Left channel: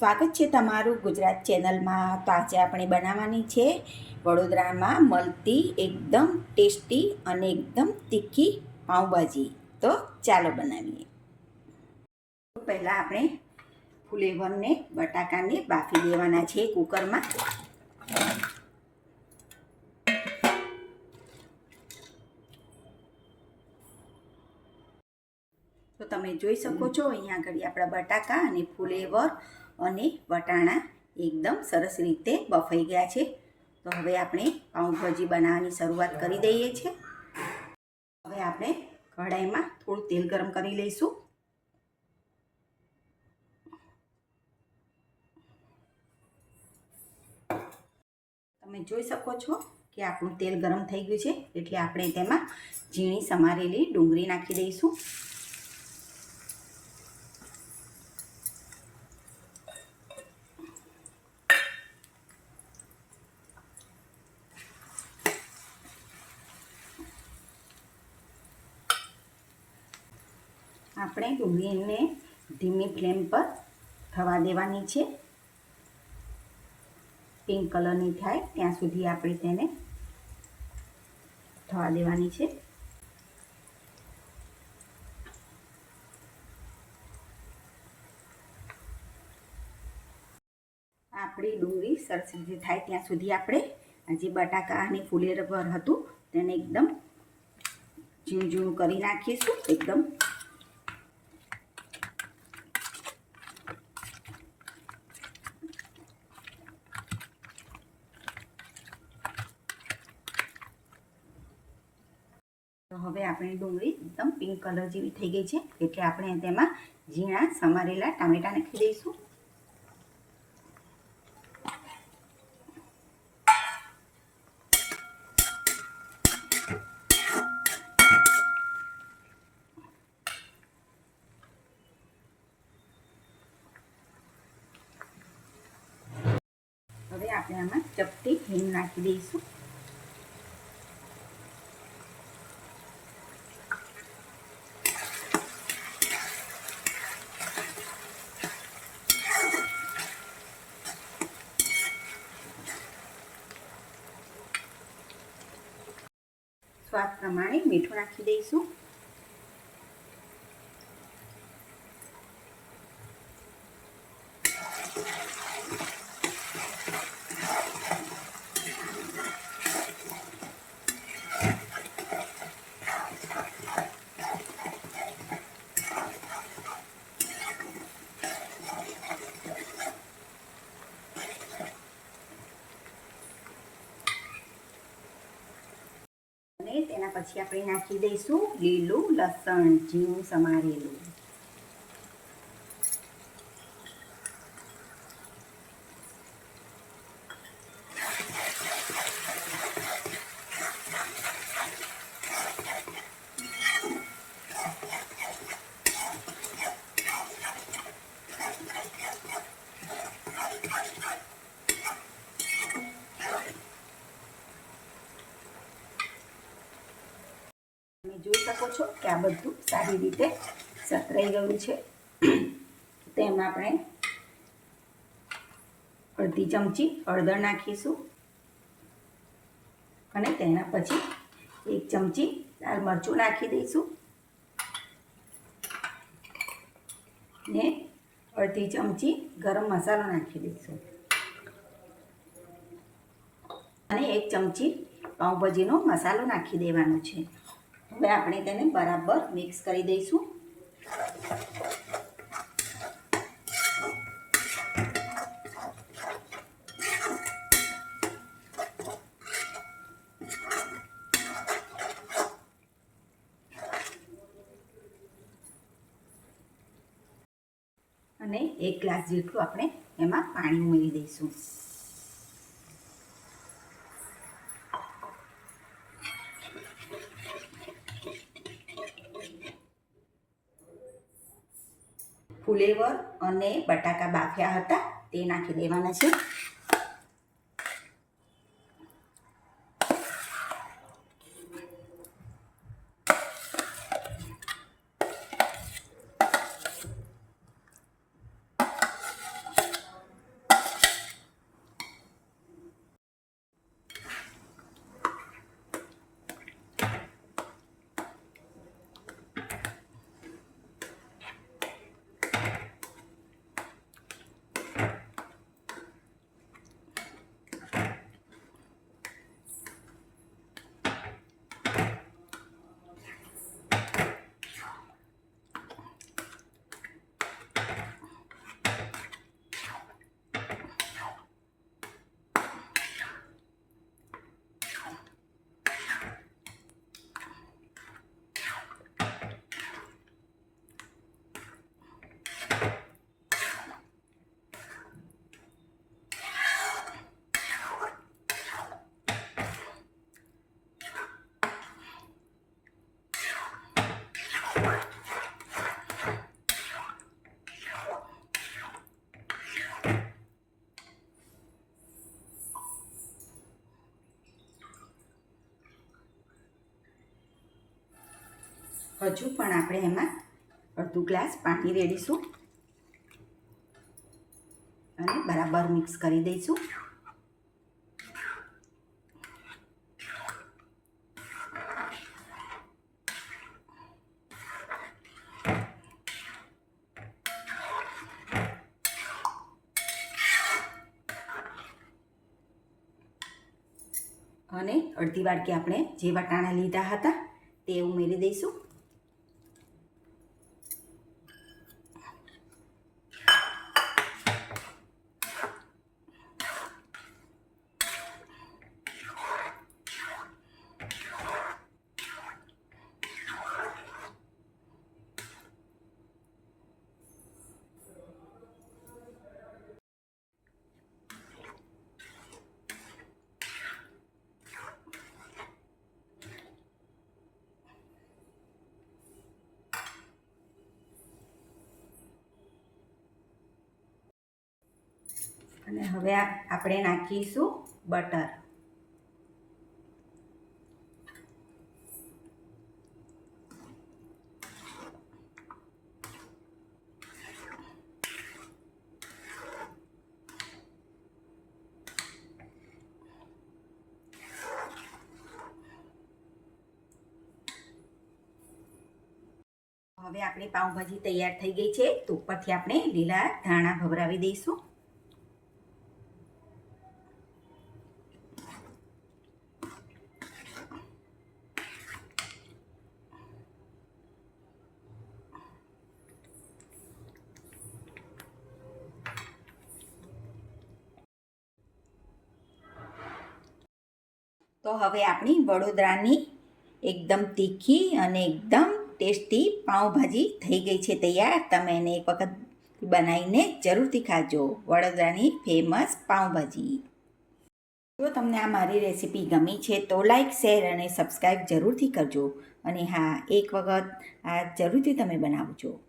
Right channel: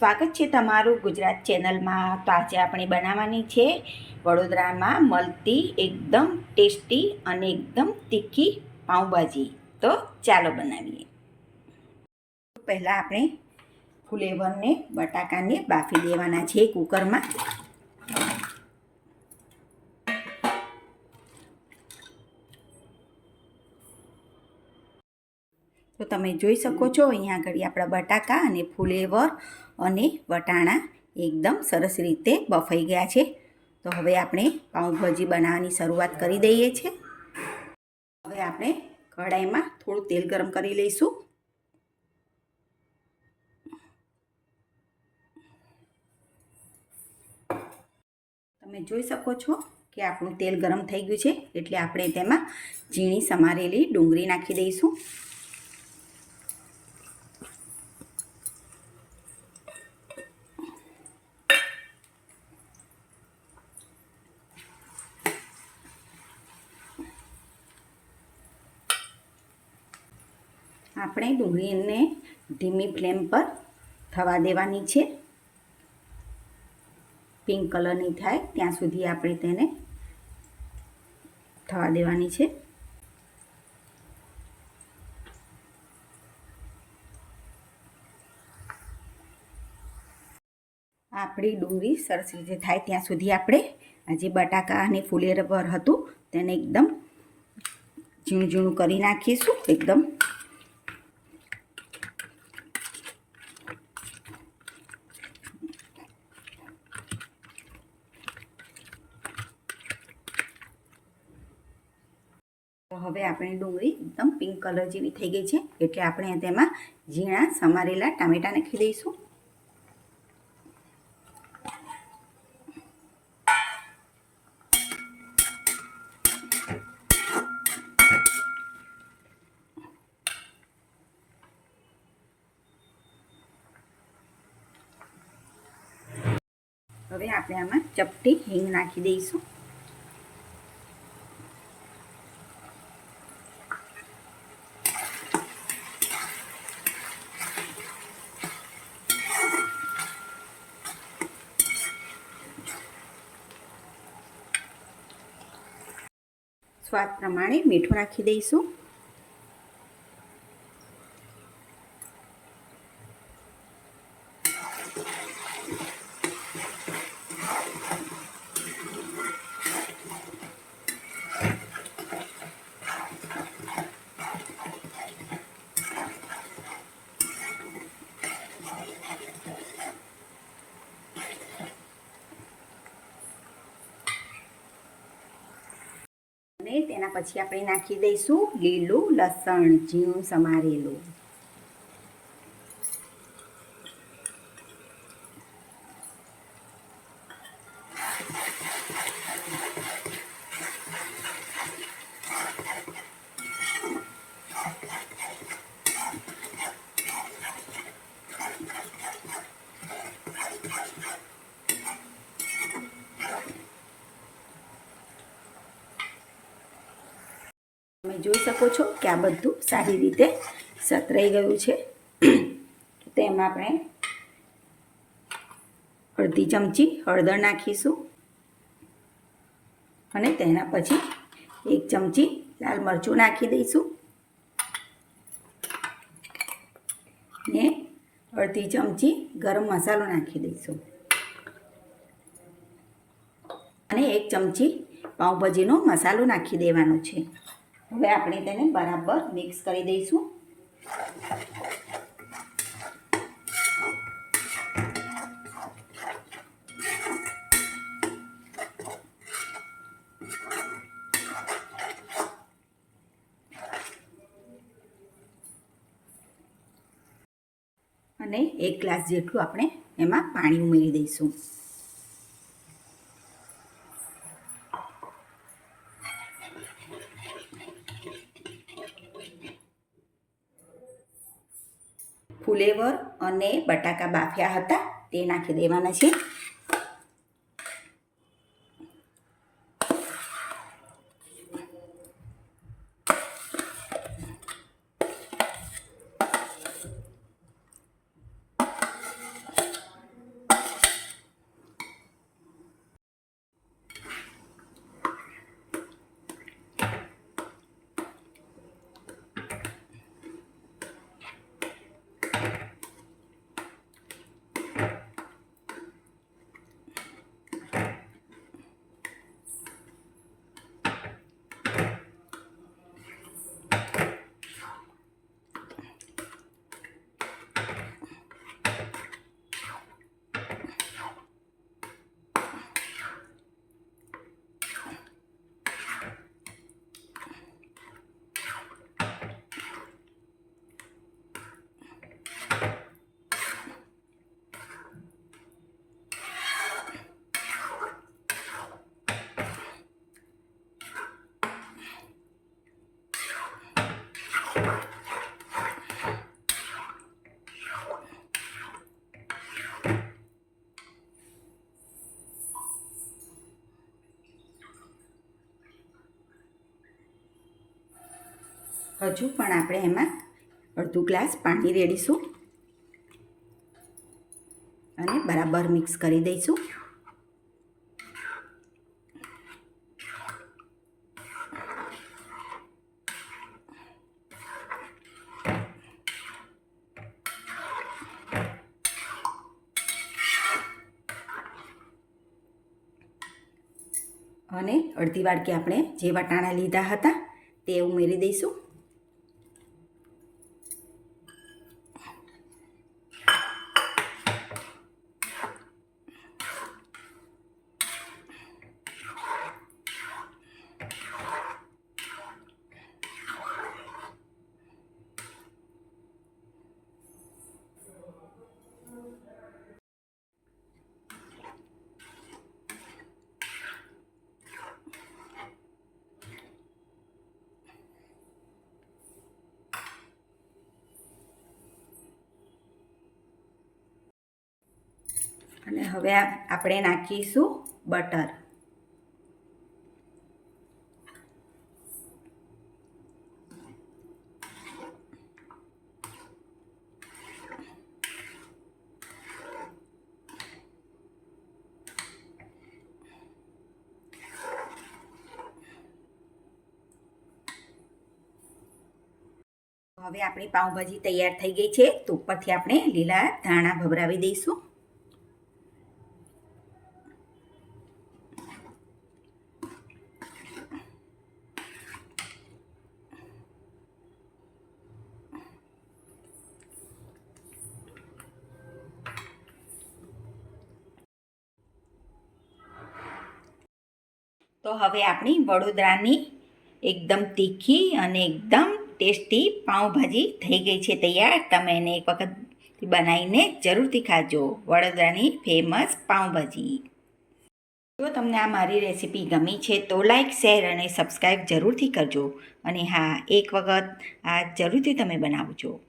સ્વાગત છે તમારું ગુજરાત ચેનલમાં. તો આજે આપણે બનાવવાની છે વડોદરામાં મળતી એકદમ ટેસ્ટી અને એકદમ તીખી પાઉંભાજી. તો ચાલો બનાવીએ. પહેલાં આપણે ફુલેવરને બટાકાને બાફી દેવાના છે કુકરમાં. તો તમે જોઈ શકો છો, અહીંયા આગળ આપણા બટાકા અને ફુલેવર અને વટાણા એકદમ સરસ રીતે બફાઈ ગયા છે. તો હવે આપણે પાઉંભાજી બનાવવાની શરૂઆત કરી દઈએ છીએ. હવે આપણે કઢાઈમાં થોડું તેલ ગરમ કરી લઈશું. તમે જોઈ શકો છો કે આપણું તેલ ગરમ થઈ ગયું છે. એટલે આપણે તેમાં ઝીણી સમારેલી ડુંગળી નાખી દઈશું. આપણે ડુંગળીને ધીમી ફ્લેમ પર થવા દેવાની છે. પિંક કલરની થાય, ત્યાં સુધી આપણે તેને થવા દેવાની છે. આપણી ડુંગળી સરસ રીતે થાય, ત્યાં સુધી આપણે જે બટાકા અને ફુલેરબર હતું, તેને એકદમ ઝીણું ઝીણું કરી નાખીશું, એકદમ તો હવે આપણી ડુંગળી એકદમ પિંક કલર જેવી થઈ ગઈ છે. એટલે આપણે તેમાં ઝીણા સમારેલા ટામેટાં નાખી દઈશું. હવે આપણે આમાં ચપટી હિંગ નાખી દઈશું. સ્વાદ પ્રમાણે મીઠું નાખી દઈશું અને તેના પછી આપણે નાખી દઈશું લીલું લસણ ઝીણું સમારેલું તમે જોઈ શકો છો કે આ બધું સારી રીતે સતરાઈ ગયું છે. તેમ આપણે અડધી ચમચી હળદર નાખીશું અને તેના પછી એક ચમચી લાલ મરચું નાખી દઈશું. ને અડધી ચમચી ગરમ મસાલો નાખી દઈશું. અને એક ચમચી પાઉંભાજીનો મસાલો નાખી દેવાનો છે. હવે આપણે તેને બરાબર મિક્સ કરી દઈશું. અને એક ગ્લાસ જેટલું આપણે એમાં પાણી ઉમેરી દઈશું. ફુલેવર અને બટાકા બાફ્યા હતા તે નાખી દેવાના છે. હજુ પણ આપણે એમાં અડધું ગ્લાસ પાણી રેડીશું અને બરાબર મિક્સ કરી દઈશું. અને અડધી વાટકી આપણે જે વટાણા લીધા હતા તે ઉમેરી દઈશું. અને હવે આપણે નાખીશું બટર. હવે આપણી પાઉંભાજી તૈયાર થઈ ગઈ છે, તો ઉપરથી આપણે લીલા ધાણા ભભરાવી દઈશું. તો હવે આપણી વડોદરાની એકદમ તીખી અને એકદમ ટેસ્ટી પાઉંભાજી થઈ ગઈ છે તૈયાર. તમે એને એક વખત બનાવીને જરૂરથી ખાજો. વડોદરાની ફેમસ પાઉંભાજી. જો તમને આ મારી રેસીપી ગમી છે તો લાઇક શેર અને સબસ્ક્રાઈબ જરૂરથી કરજો. અને હા, એક વખત આ જરૂરથી તમે બનાવજો.